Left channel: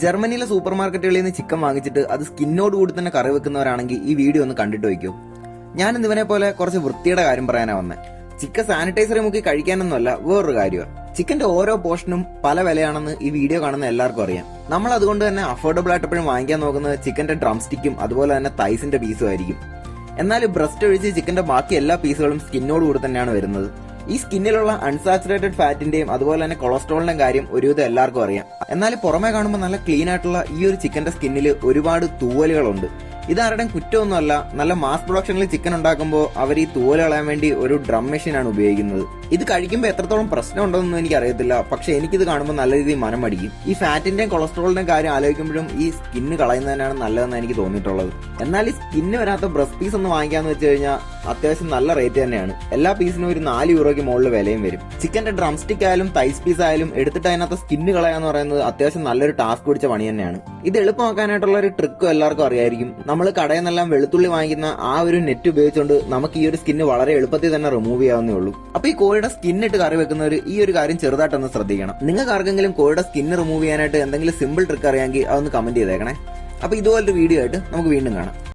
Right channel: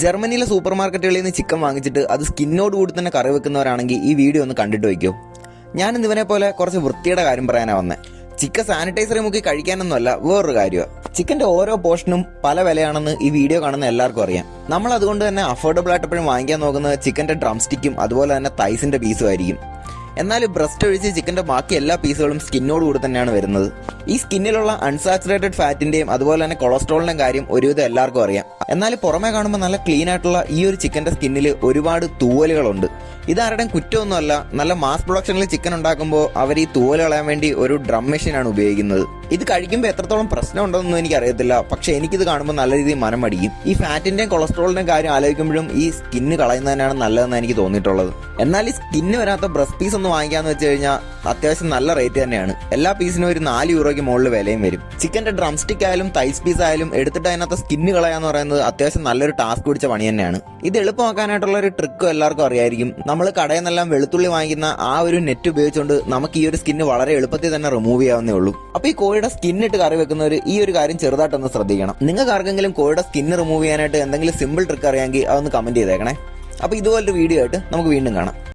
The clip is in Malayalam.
ജർമ്മനിയിലെ സൂപ്പർ മാർക്കറ്റുകളിൽ നിന്ന് ചിക്കൻ വാങ്ങിച്ചിട്ട് അത് സ്കിന്നോട് കൂടി തന്നെ കറി വെക്കുന്നവരാണെങ്കിൽ ഈ വീഡിയോ ഒന്ന് കണ്ടിട്ട് വയ്ക്കൂ. ഞാൻ ഇവനെ പോലെ കുറച്ച് വൃത്തിയുടെ കാര്യം പറയാനാണ് വന്നത് ചിക്കൻ സാനിറ്റൈസറി മുക്കി കഴിക്കാനൊന്നുമല്ല വേറൊരു കാര്യമാണ് ചിക്കന്റെ ഓരോ പോർഷനും പല വിലയാണെന്ന് ഈ വീഡിയോ കാണുന്ന എല്ലാവർക്കും അറിയാം. നമ്മൾ അതുകൊണ്ട് തന്നെ അഫോർഡബിൾ ആയിട്ട് എപ്പോഴും വാങ്ങിക്കാൻ നോക്കുന്നത് ചിക്കന്റെ ഡ്രം സ്റ്റിക്കും അതുപോലെ തന്നെ തൈസിന്റെ പീസും ആയിരിക്കും. എന്നാൽ ബ്രസ്റ്റ് ഒഴിച്ച് ചിക്കന്റെ ബാക്കി എല്ലാ പീസുകളും സ്കിന്നോട് കൂടി തന്നെയാണ് വരുന്നത്. ഈ സ്കിന്നിലുള്ള അൺസാച്ചുറേറ്റഡ് ഫാറ്റിന്റെയും അതുപോലെ തന്നെ കൊളസ്ട്രോളിന്റെയും കാര്യം ഒരുവിധം എല്ലാവർക്കും അറിയാം. എന്നാൽ പുറമേ കാണുമ്പോൾ നല്ല ക്ലീൻ ആയിട്ടുള്ള ഈ ഒരു ചിക്കന്റെ സ്കിന്നിൽ ഒരുപാട് തൂവലുകളുണ്ട്. ഇതാരുടെയും കുറ്റമൊന്നുമല്ല. നല്ല മാസ് പ്രൊഡക്ഷനിൽ ചിക്കൻ ഉണ്ടാക്കുമ്പോൾ അവർ ഈ തൂവൽ കളയാൻ വേണ്ടി ഒരു ഡ്രം മെഷീനാണ് ഉപയോഗിക്കുന്നത്. ഇത് കഴിക്കുമ്പോൾ എത്രത്തോളം പ്രശ്നം ഉണ്ടോയെന്നൊന്നും എനിക്ക് അറിയത്തില്ല പക്ഷെ എനിക്കിത് കാണുമ്പോൾ നല്ല രീതിയിൽ മനം മടിക്കും. ഈ ഫാറ്റിന്റെയും കൊളസ്ട്രോളിന്റെയും കാര്യം ആലോചിക്കുമ്പോഴും ഈ സ്കിന്ന് കളയുന്നതിനാണ് നല്ലതെന്ന് എനിക്ക് തോന്നിയിട്ടുള്ളത്. എന്നാൽ ഈ സ്കിന്ന് വരാത്ത ബ്രസ്റ്റ് പീസ് ഒന്ന് വാങ്ങിക്കാന്ന് വെച്ച് കഴിഞ്ഞാൽ അത്യാവശ്യം നല്ല റേറ്റ് തന്നെയാണ്. എല്ലാ പീസിനും ഒരു നാല് യൂറോയ്ക്ക് മുകളിൽ വിലയും വരും. ചിക്കന്റെ ഡ്രം സ്റ്റിക് ആയാലും തൈസ് പീസ് ആയാലും എടുത്തിട്ട് അതിനകത്ത് സ്കിന്ന് കളയാന്ന് പറയുന്നത് അത്യാവശ്യം നല്ലൊരു ടാസ്ക് പിടിച്ച പണി തന്നെയാണ്. ഇത് എളുപ്പമാക്കാനായിട്ടുള്ള ഒരു ട്രിക്കും എല്ലാവർക്കും അറിയായിരിക്കും. നമ്മൾ കടയിൽ നിന്നെല്ലാം വെളുത്തുള്ളി വാങ്ങിക്കുന്ന ആ ഒരു നെറ്റ് ഉപയോഗിച്ചുകൊണ്ട് നമുക്ക് ഈ ഒരു സ്കിന്ന് വളരെ എളുപ്പത്തിൽ തന്നെ റിമൂവ് ചെയ്യാവുന്നേ ഉള്ളൂ. അപ്പൊ ഈ കോഴിയുടെ സ്കിൻ ഇട്ട് കറി വെക്കുന്നവർ ഈ ഒരു കാര്യം ചെറുതായിട്ടൊന്ന് ശ്രദ്ധിക്കണം. നിങ്ങൾക്ക് ആർക്കെങ്കിലും കോഴിയുടെ സ്കിൻ റിമൂവ് ചെയ്യാനായിട്ട് എന്തെങ്കിലും സിമ്പിൾ ട്രിക്ക് അറിയാമെങ്കിൽ അതൊന്ന് കമന്റ് ചെയ്തേക്കണേ. അപ്പൊ ഇതുപോലൊരു വീഡിയോ ആയിട്ട് നമുക്ക് വീണ്ടും കാണാം.